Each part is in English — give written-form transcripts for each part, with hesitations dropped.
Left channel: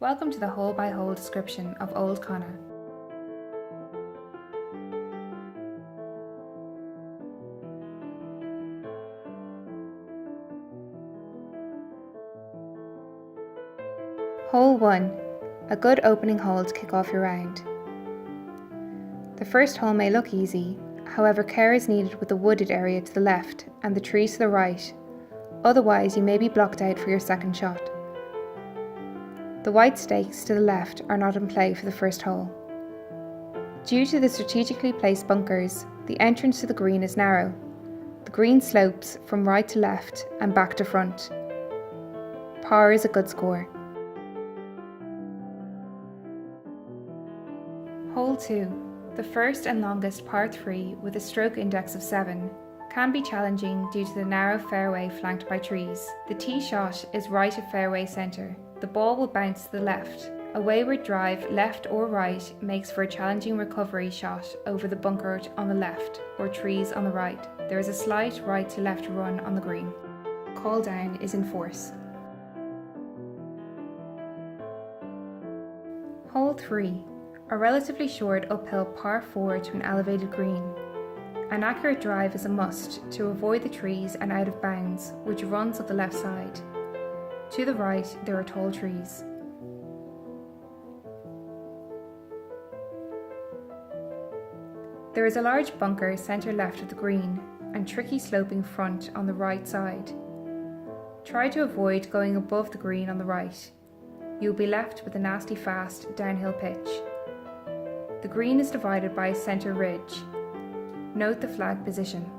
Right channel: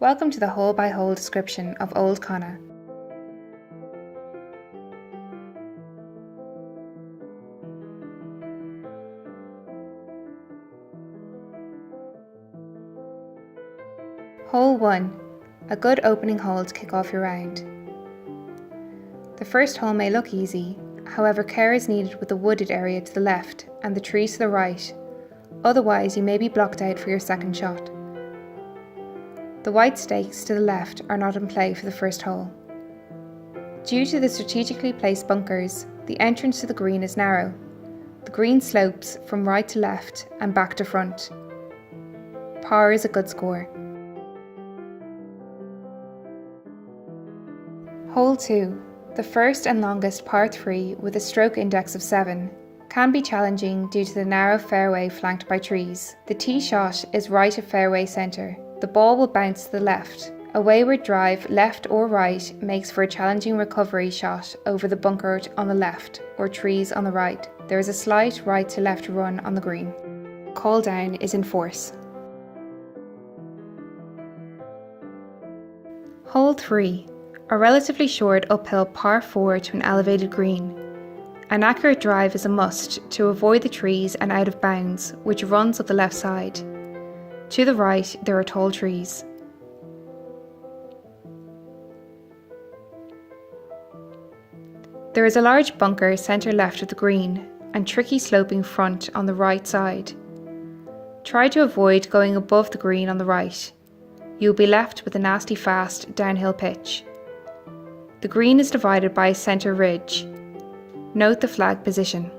Welcome to the hole-by-hole description of Old Conna. Hole 1. A good opening hole to kick off your round. The first hole may look easy, however care is needed with the wooded area to the left and the trees to the right, otherwise you may be blocked out for your second shot. The white stakes to the left are not in play for the first hole. Due to the strategically placed bunkers, the entrance to the green is narrow. The green slopes from right to left and back to front. Par is a good score. Hole 2, the first and longest par 3 with a stroke index of 7, can be challenging due to the narrow fairway flanked by trees. The tee shot is right of fairway centre. The ball will bounce to the left. A wayward drive left or right makes for a challenging recovery shot over the bunker on the left or trees on the right. There is a slight right to left run on the green. Call down is in force. Hole 3. A relatively short uphill par 4 to an elevated green. An accurate drive is a must to avoid the trees and out of bounds, which runs up the left side. To the right, there are tall trees. There is a large bunker centre left of the green and tricky sloping front on the right side. Try to avoid going above the green on the right. You will be left with a nasty fast downhill pitch. The green is divided by a centre ridge. Note the flag position.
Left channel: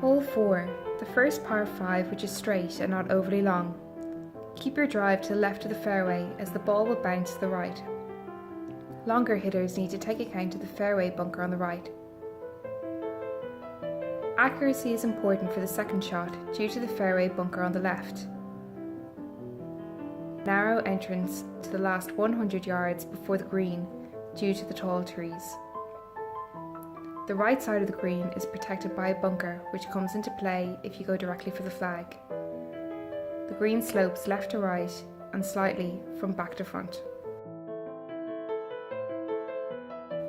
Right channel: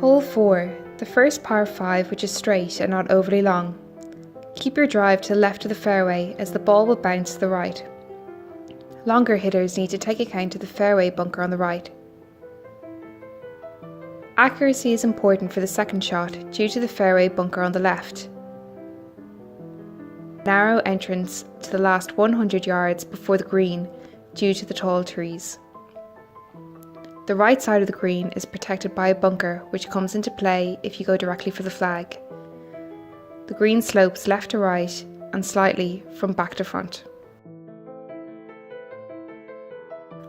Hole 4, the first par 5 which is straight and not overly long. Keep your drive to the left of the fairway as the ball will bounce to the right. Longer hitters need to take account of the fairway bunker on the right. Accuracy is important for the second shot due to the fairway bunker on the left. Narrow entrance to the last 100 yards before the green due to the tall trees. The right side of the green is protected by a bunker which comes into play if you go directly for the flag. The green slopes left to right and slightly from back to front.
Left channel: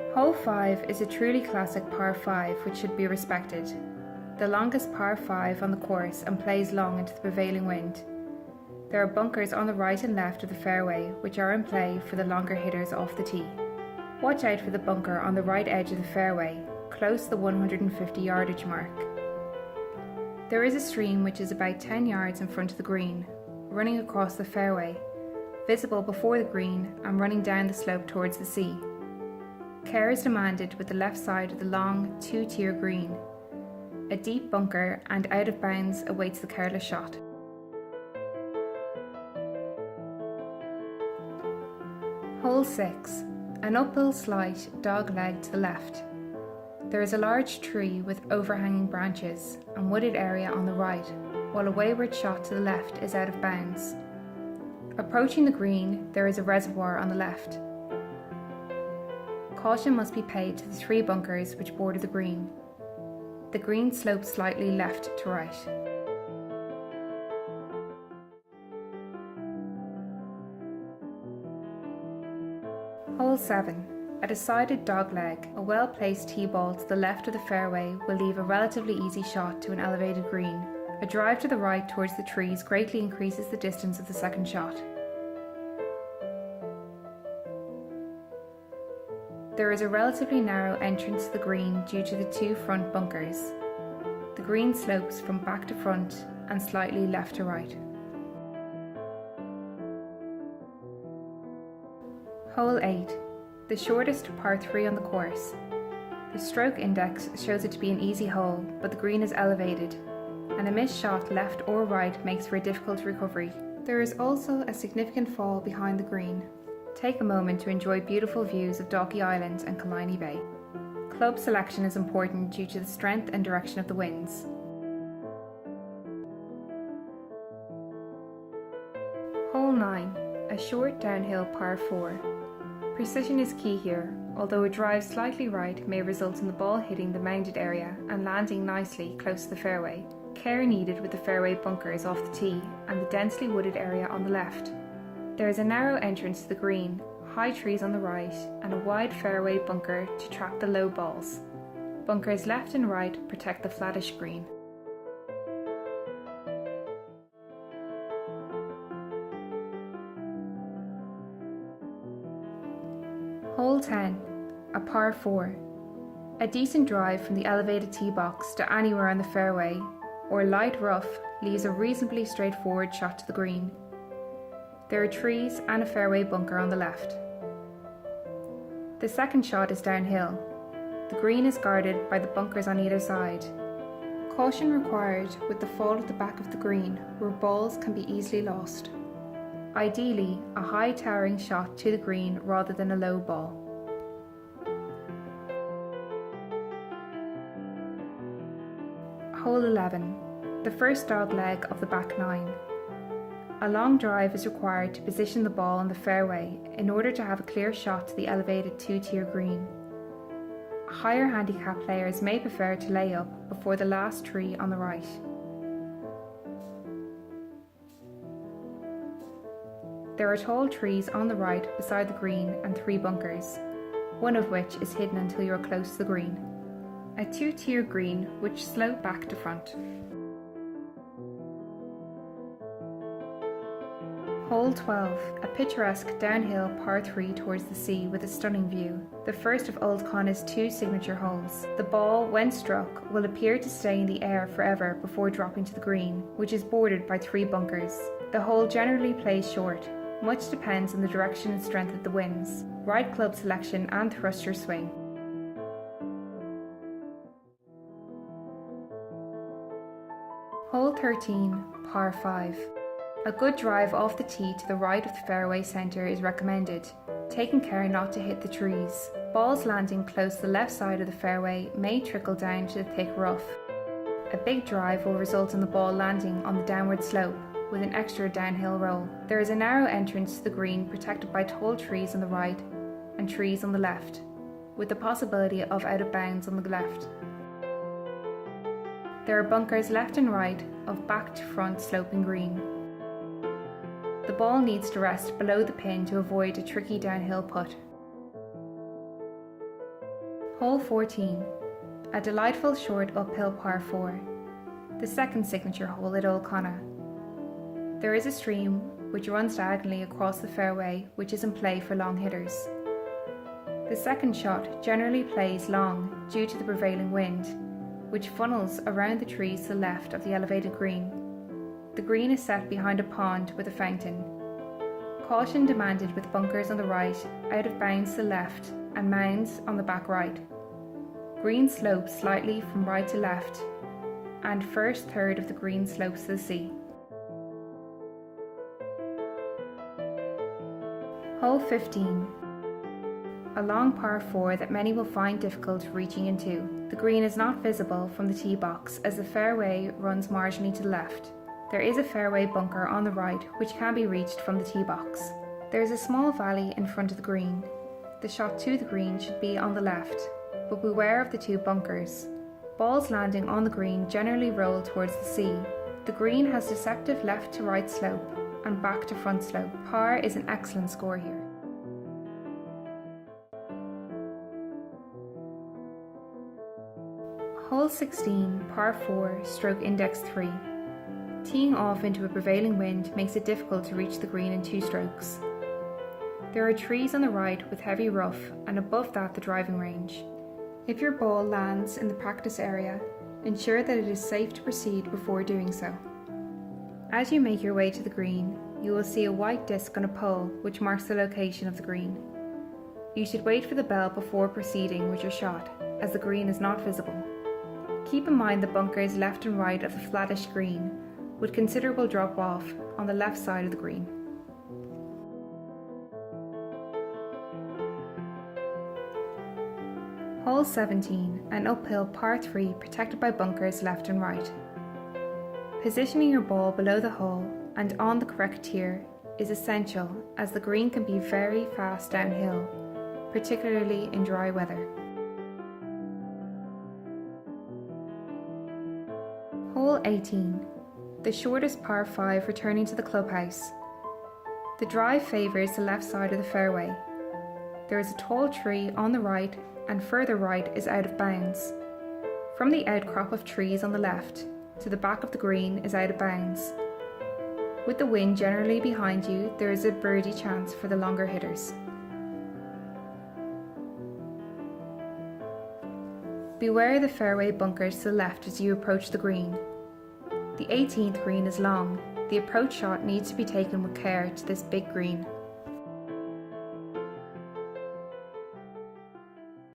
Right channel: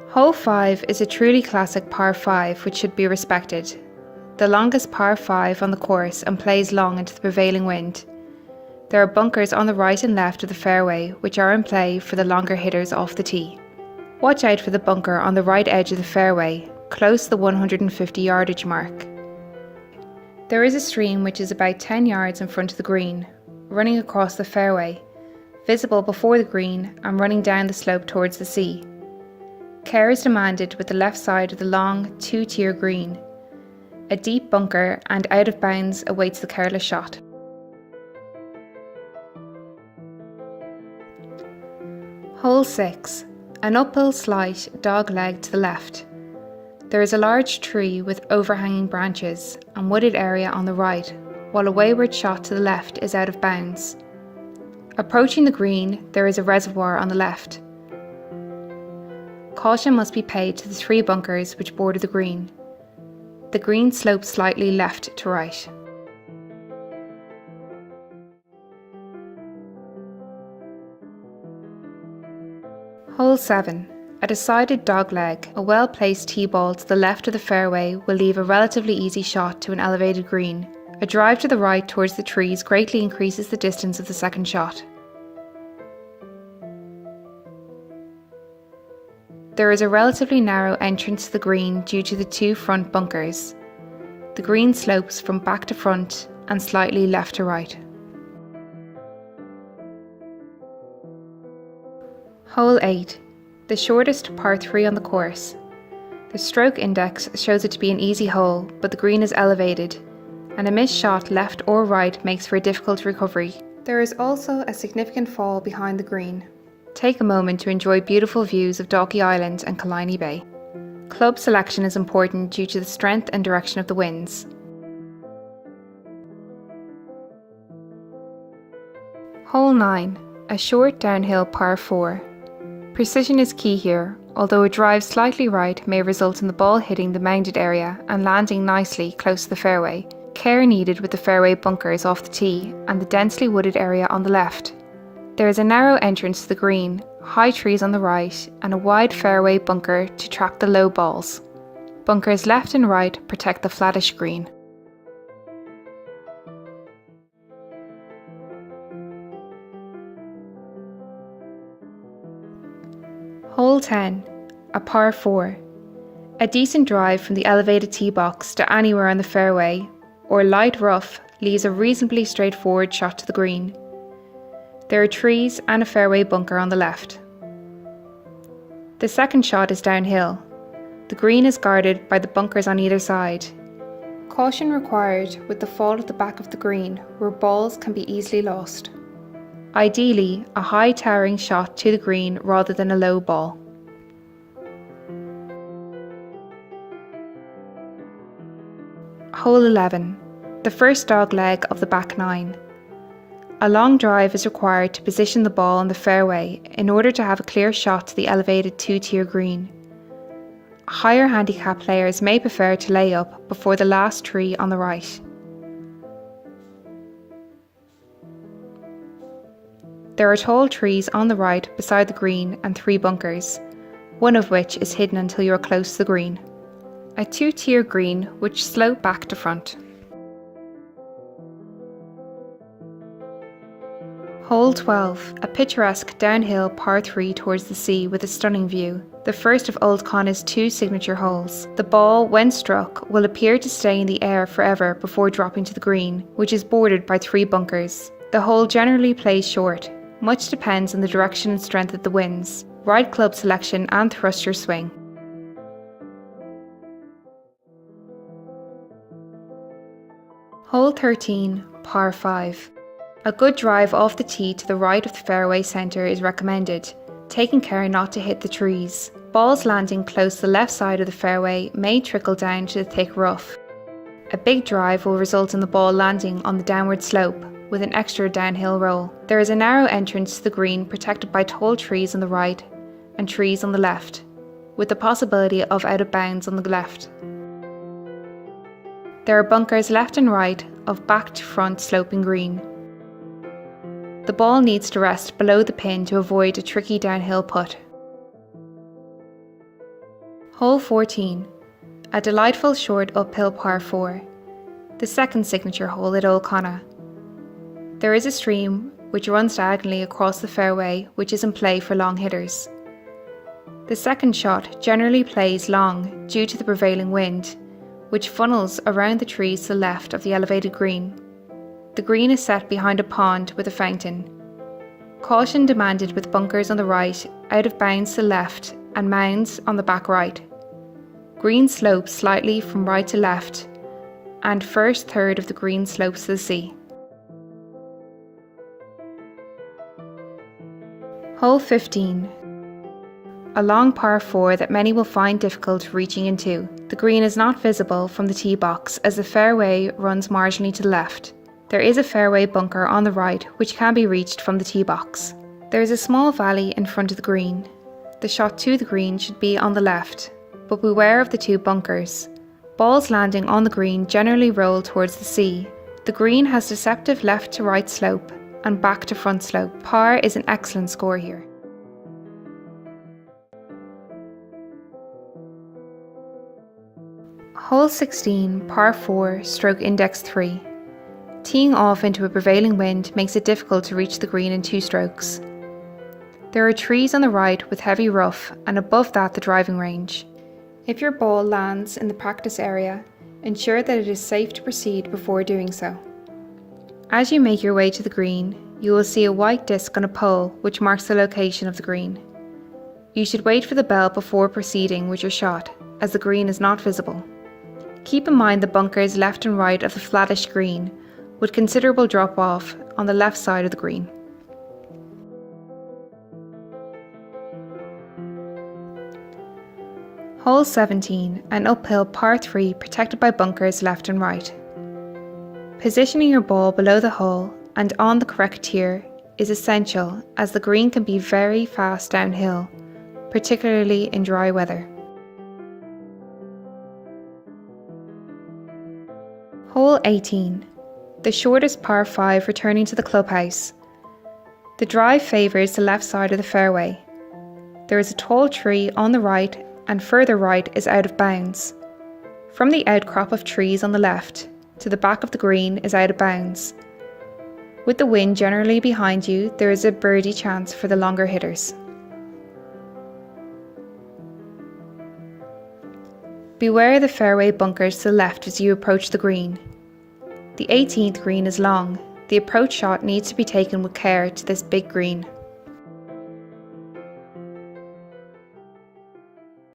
Hole 5 is a truly classic par 5 which should be respected. The longest par 5 on the course and plays long into the prevailing wind. There are bunkers on the right and left of the fairway which are in play for the longer hitters off the tee. Watch out for the bunker on the right edge of the fairway, close to the 150 yardage mark. There is a stream which is about 10 yards in front of the green, running across the fairway, visible before the green and running down the slope towards the sea. Care is demanded with the left side of the long 2-tier green. A deep bunker and out of bounds awaits the careless shot. Hole 6. An uphill slight dog leg to the left. There is a large tree with overhanging branches and wooded area on the right, while a wayward shot to the left is out of bounds. Approaching the green, there is a reservoir on the left. Caution must be paid to the 3 bunkers which border the green. The green slopes slightly left to right. Hole 7. A decided dogleg, a well-placed tee ball to the left of the fairway will leave a relatively easy shot to an elevated green. A drive to the right towards the trees greatly increases the distance of the second shot. There is a relatively narrow entrance to the green due to the 2 front bunkers. The green slopes from back to front and slightly left to right. Hole 8. The shortest par 3 on the course. The stroke index shows it to be an easy hole, but the green is elevated, and a missed shot left or right makes for a difficult recovery. There is also a significant fall behind the green. Take a moment to enjoy beautiful views of Dalkey Island and Killiney Bay. Club selection is important due to the strength and direction of the winds. Hole 9. A short downhill par 4. Precision is key here, although a drive slightly right may result in the ball hitting the mounded area and landing nicely close to the fairway. care needed with the fairway bunkers off the tee and the densely wooded area on the left. There is a narrow entrance to the green, high trees on the right, and a wide fairway bunker to trap the low balls. Bunkers left and right protect the flattish green. Hole 10, a par 4. A decent drive from the elevated tee box to anywhere on the fairway, or light rough, leaves a reasonably straightforward shot to the green. There are trees and a fairway bunker on the left. The second shot is downhill. The green is guarded by the bunkers on either side. Caution required with the fall at the back of the green, where balls can be easily lost. Ideally, a high towering shot to the green rather than a low ball. Hole 11, the first dog leg of the back 9. A long drive is required to position the ball on the fairway in order to have a clear shot to the elevated 2-tier green. Higher handicap players may prefer to lay up before the last tree on the right. There are tall trees on the right beside the green and 3 bunkers, one of which is hidden until you are close to the green. A 2-tier green which slope back to front. Hole 12, a picturesque downhill par 3 towards the sea with a stunning view, the first of Old Conna's 2 signature holes. The ball, when struck, will appear to stay in the air forever before dropping to the green, which is bordered by 3 bunkers. The hole generally plays short. Much depends on the direction and strength of the winds, right club selection and thruster swing. Hole 13, par 5. A good drive off the tee to the right of the fairway centre is recommended, taking care not to hit the trees. Balls landing close to the left side of the fairway may trickle down to the thick rough. A big drive will result in the ball landing on the downward slope, with an extra downhill roll. There is a narrow entrance to the green protected by tall trees on the right and trees on the left, with the possibility of out of bounds on the left. There are bunkers left and right of back to front sloping green. The ball needs to rest below the pin to avoid a tricky downhill putt. Hole 14, a delightful short uphill par 4, the second signature hole at Old Conna. There is a stream which runs diagonally across the fairway which is in play for long hitters. The second shot generally plays long due to the prevailing wind, which funnels around the trees to the left of the elevated green. The green is set behind a pond with a fountain. Caution demanded with bunkers on the right, out of bounds to the left, and mounds on the back right. Green slopes slightly from right to left, and first third of the green slopes to the sea. Hole 15. A long par 4 that many will find difficult reaching into. The green is not visible from the tee box as the fairway runs marginally to the left. There is a fairway bunker on the right which can be reached from the tee box. There is a small valley in front of the green. The shot to the green should be on the left, but beware of the 2 bunkers. Balls landing on the green generally roll towards the sea. The green has deceptive left to right slope and back to front slope. Par is an excellent score here. Hole 16, par 4, stroke index 3. Teeing off into a prevailing wind makes it difficult to reach the green in 2 strokes. There are trees on the right with heavy rough and above that the driving range. If your ball lands in the practice area, ensure that it is safe to proceed before doing so. As you make your way to the green, you will see a white disc on a pole which marks the location of the green. You should wait for the bell before proceeding with your shot, as the green is not visible. Keep in mind the bunkers left and right of the flattish green, with considerable drop-off on the left side of the green. Hole 17, an uphill par 3 protected by bunkers left and right. Positioning your ball below the hole and on the correct tier is essential as the green can be very fast downhill, particularly in dry weather. Hole 18, the shortest par 5 returning to the clubhouse. The drive favours the left side of the fairway. There is a tall tree on the right and further right is out of bounds. From the outcrop of trees on the left to the back of the green is out of bounds. With the wind generally behind you, there is a birdie chance for the longer hitters. Beware the fairway bunkers to the left as you approach the green. The 18th green is long. The approach shot needs to be taken with care to this big green.